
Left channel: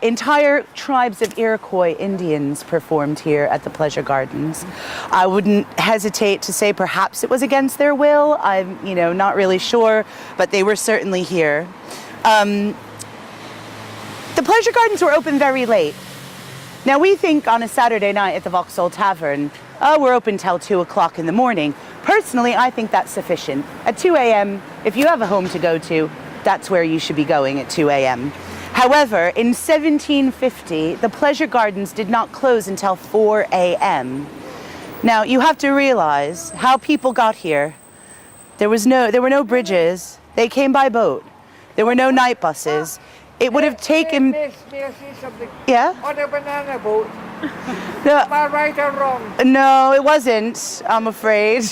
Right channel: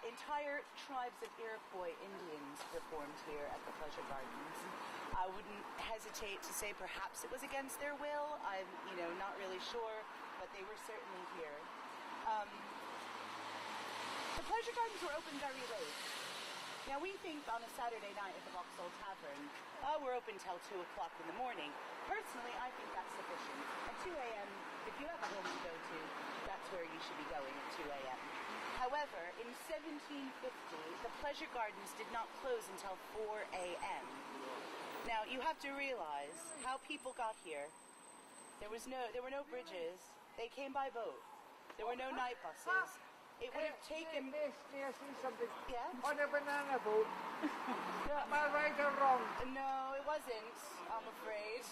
Entire tribes of Iroquois Indians performed here at the Pleasure Gardens. I wouldn't hesitate to say perhaps it was against their will. I'm, not really sure, but they were certainly here. The Pleasure Gardens were open very late. Now we think on a Saturday night at the Vauxhall Tavern, we're open till 2 o'clock in the morning. Personally, I think that's sufficient. At 2 a.m., if you have a home to go to, that's where you should be going at 2 a.m. However, in 1750, the Pleasure Gardens did not close until 4 a.m. Now, you have to realize how people got here. There were no bridges. They came by boat. There were no night buses. It would have taken... May I say something? Yeah? On a banana boat. No, Am I right or wrong? no, it wasn't, I'm afraid.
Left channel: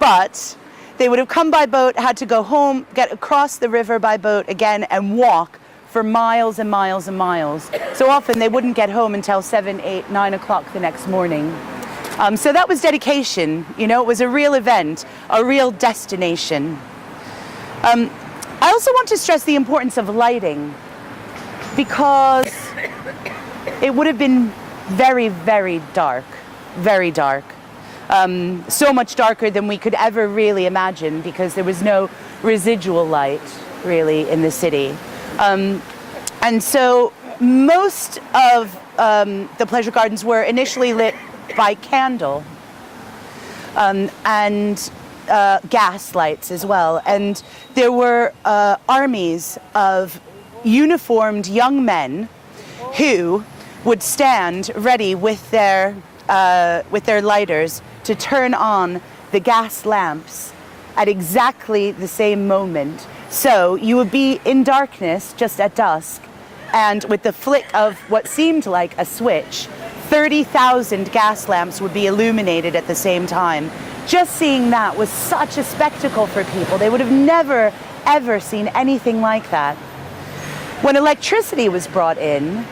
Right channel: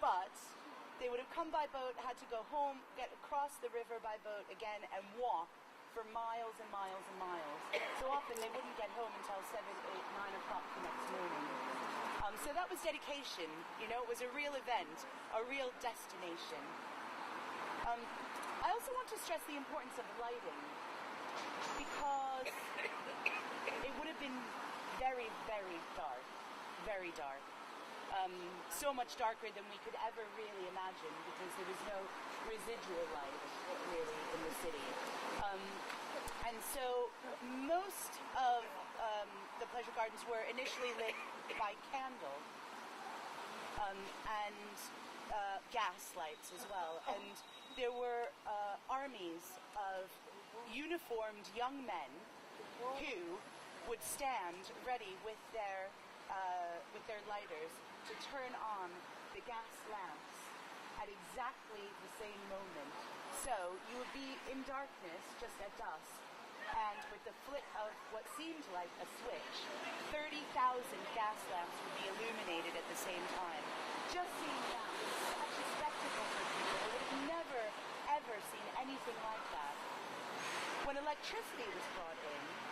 But they would have come by boat, had to go home, get across the river by boat again, and walk for miles and miles and miles. So often they wouldn't get home until 7, 8, 9 o'clock the next morning. So that was dedication. It was a real event, a real destination. I also want to stress the importance of lighting, because it would have been very, very dark, very dark. So much darker than we could ever really imagine, because there was no residual light really in the city. And so most of the Pleasure Gardens were initially lit by candle and gas lights as well. And there were armies of uniformed young men who would stand ready with their lighters to turn on the gas lamps at exactly the same moment. So you would be in darkness just at dusk, and with the flick of what seemed like a switch, 30,000 gas lamps would be illuminated at the same time. Just seeing that was such a spectacle for people. They would have never, ever seen anything like that. When electricity was brought in,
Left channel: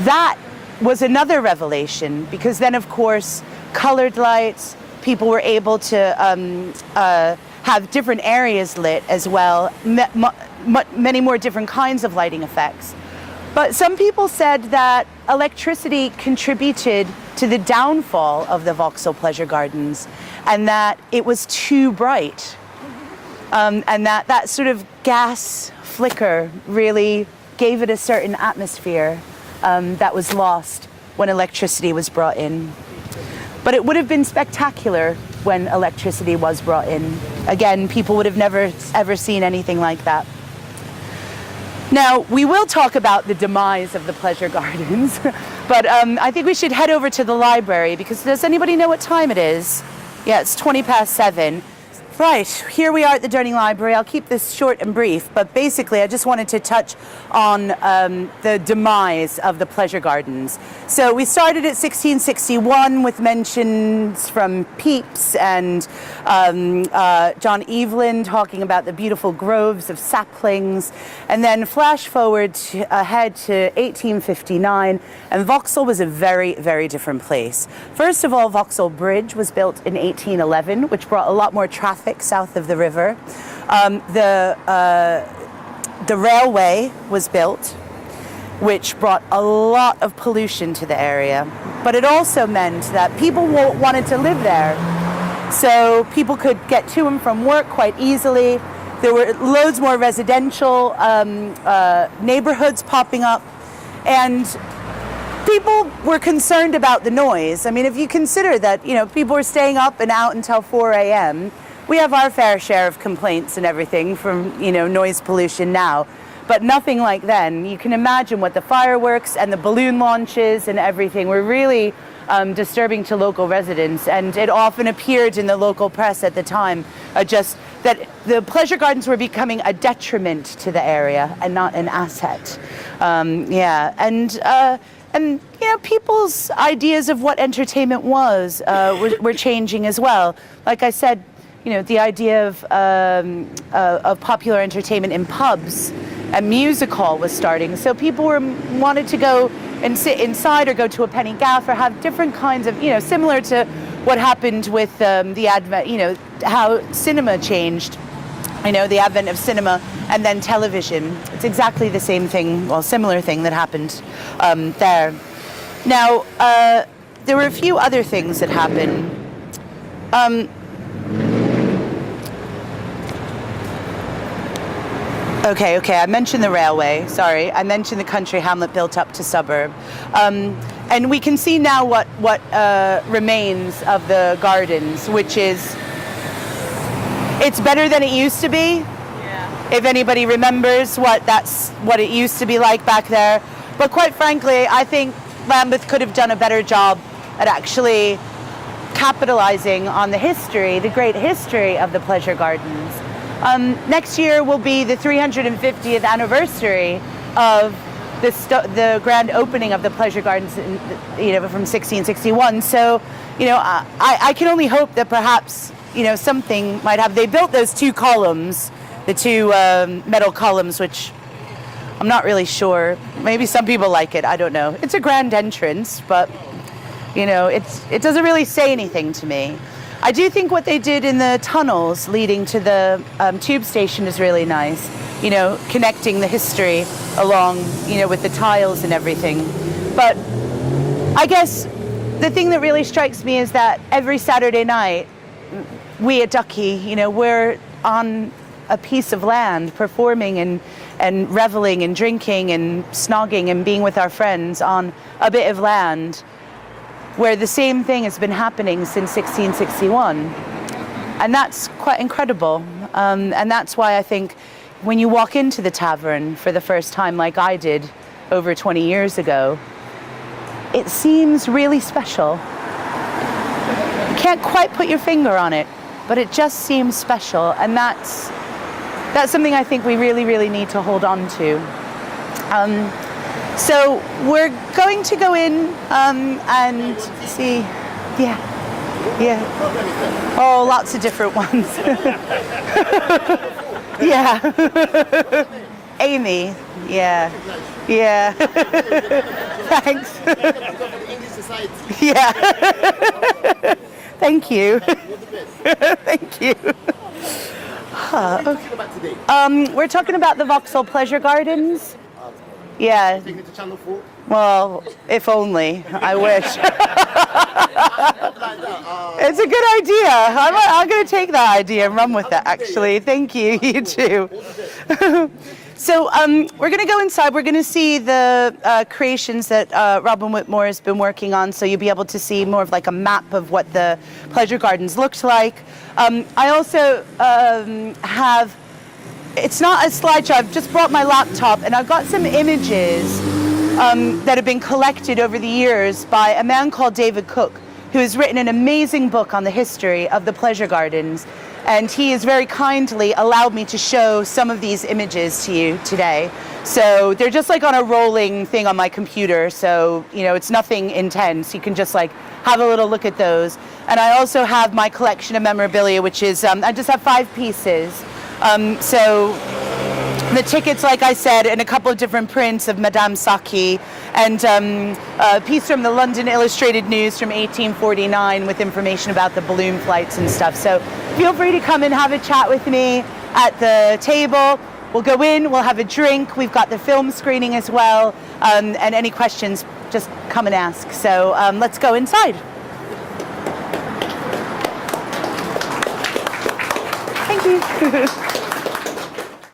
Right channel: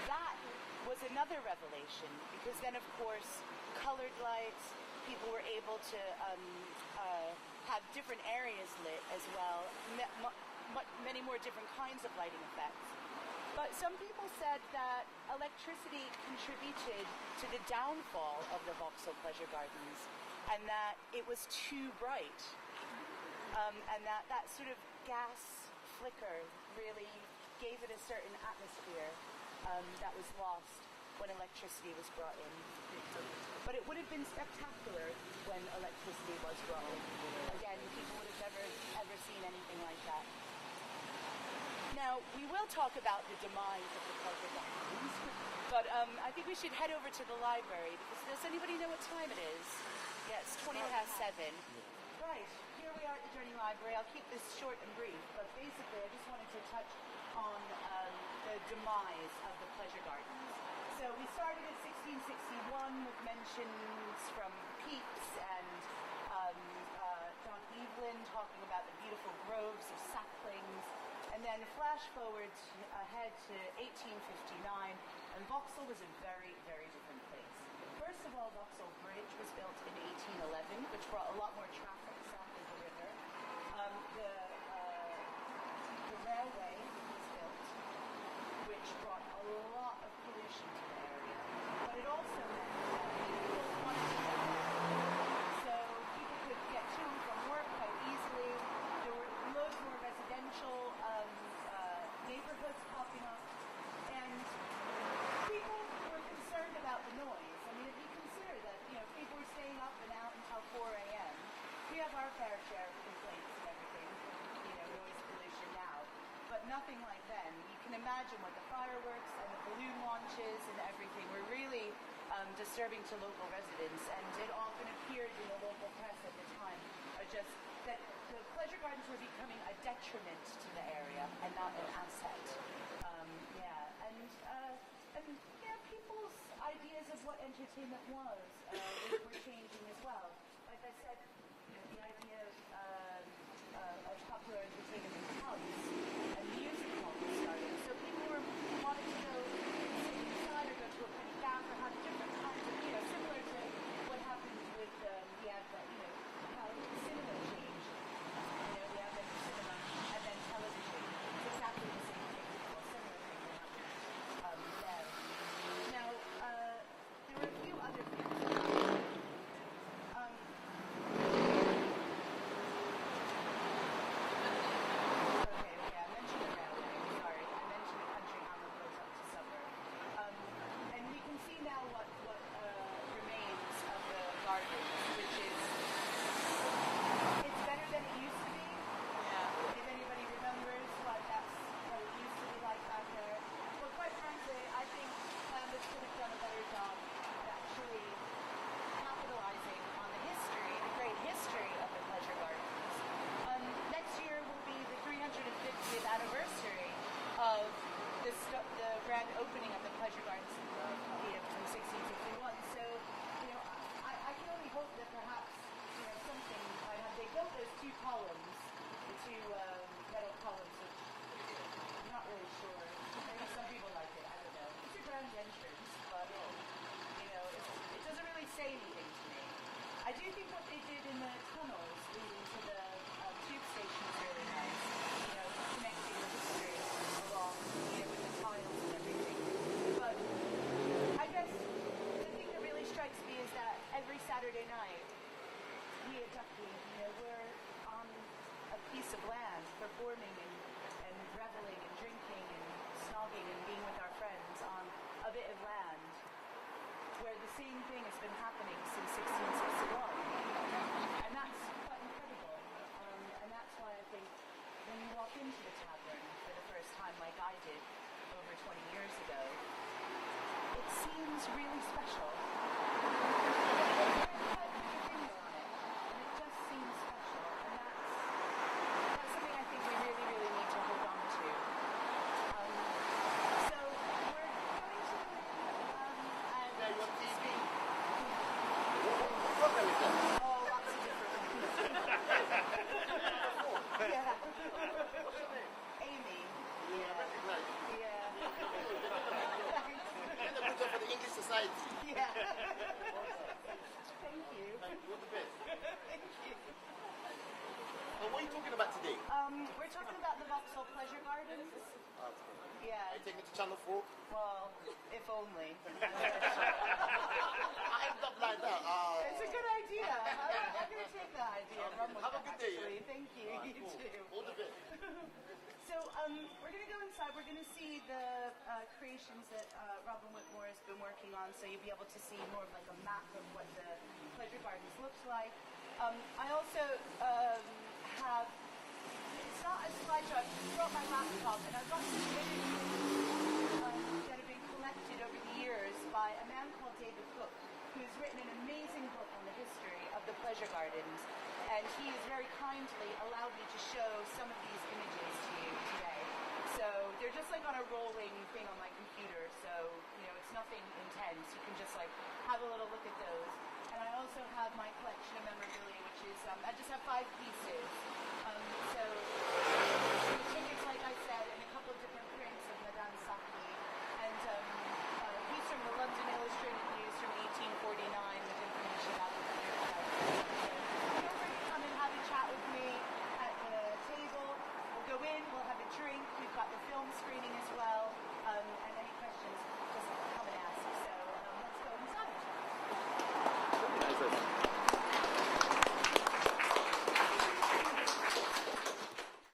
that was another revelation, because then, of course, colored lights, people were able to have different areas lit as well, many more different kinds of lighting effects. But some people said that electricity contributed to the downfall of the Vauxhall Pleasure Gardens, and that it was too bright. And that sort of gas flicker really gave it a certain atmosphere that was lost when electricity was brought in. But it would have been spectacular when electricity was brought in. Again, people would have never, ever seen anything like that. Now, we will talk about the demise of the Pleasure Gardens, but I think we should head over to the library, because does anybody know what time it is? Yeah, it's 7:20. Right, here we are at the Durning Library. I'll keep this short and brief, but basically I just wanted to touch on the demise of the Pleasure Gardens. So we started at 1661 with mentions from Pepys and John Evelyn talking about the beautiful groves of saplings, and then flash forward ahead to 1859, and Vauxhall was a very, very different place. First of all, Vauxhall Bridge was built in 1811, which brought a lot more traffic south of the river. the railway was built, which brought a lot of pollution to the area. But it also meant that people wanted to live there. So people could get to and from work quite easily. There were loads more residential neighborhoods popping up. And people were concerned about the noise. I mean, if you consider that, people were staying up and out until 4 a.m., we have our fair share of complaints and everything from, noise pollution now, but nothing like then. You can imagine what the fireworks and the balloon launches and everything were really disturbing to local residents, and it often appeared in the local press at the time just that the pleasure gardens were becoming a detriment to the area and not an asset. And people's ideas of what entertainment was were changing as well. Like I said, the idea of popular entertainment in pubs, a music hall was starting. So people wanted to go and sit inside or go to a penny gaff or have different kinds of, similar to what happened with the advent, how cinema changed. The advent of cinema and then television. It's exactly the same thing, well, similar thing that happened there. Now, there were a few other things that happened. Okay, I mentioned the railway, sorry. I mentioned the country hamlet built up to suburb. And we can see now what remains of the gardens, which is, it's better than it used to be. Yeah. If anybody remembers what it used to be like back there. But quite frankly, I think Lambeth could have done a better job at actually capitalizing on the history, the great history of the pleasure gardens. Next year will be the 350th anniversary of the grand opening of the pleasure gardens, from 1661. So, I can only hope that perhaps, something might have. They built those two columns, the two metal columns, which I'm not really sure. Maybe some people like it. I don't know. It's a grand entrance, but it doesn't really say anything to me. I do think what they did in the tunnels leading to the tube station is really nice. Connecting the history along, with the tiles and everything. But I guess the thing that really strikes me is that every Saturday night, we at Ducky, we're on a piece of land performing and reveling and drinking and snogging and being with our friends on a bit of land where the same thing has been happening since 1661. And that's quite incredible. And that's why I think when you walk into the tavern for the first time, like I did over 20 years ago, it seems really special. You can't quite put your finger on it, but it just seems special. And that's something I think we really, really need to hold on to. So we're going to go in and see, yeah. Oh, lots of different ones. Yeah. Amy, yeah. Thanks. Yeah. Thank you. Thank you. Okay. We're talking about the Vauxhall Pleasure Gardens. Yeah. Taking it to Channel 4? Well, if only. I wish. It's a good idea. I'm going to take that idea and run with that, actually. Thank you. You too. So we're going to go inside. We're going to see the creations that Robin Whitmore has been working on, so you'll be able to see more of like a map of what the pleasure gardens looked like. I also have, it's not a slideshow, I've just brought my laptop and I've got some images that have been collected over the years by a man called David Cook, who has written an amazing book on the history of the pleasure gardens. And he has very kindly allowed me to show some of these images to you today. So they're just like on a rolling thing on my computer. So, it's nothing intense. You can just like have a little look at those. And I also have my collection of memorabilia, which is, I just have 5 pieces. So the tickets, like I said, and a couple of different prints of Madame Saki, and a piece from the London Illustrated News from 1849 with information about the balloon flights and stuff. So feel free to come and have a chat with me at the table. We'll go in, we'll have a drink. We've got the film screening as well. And any questions, just come and ask. So let's go inside. Thank you.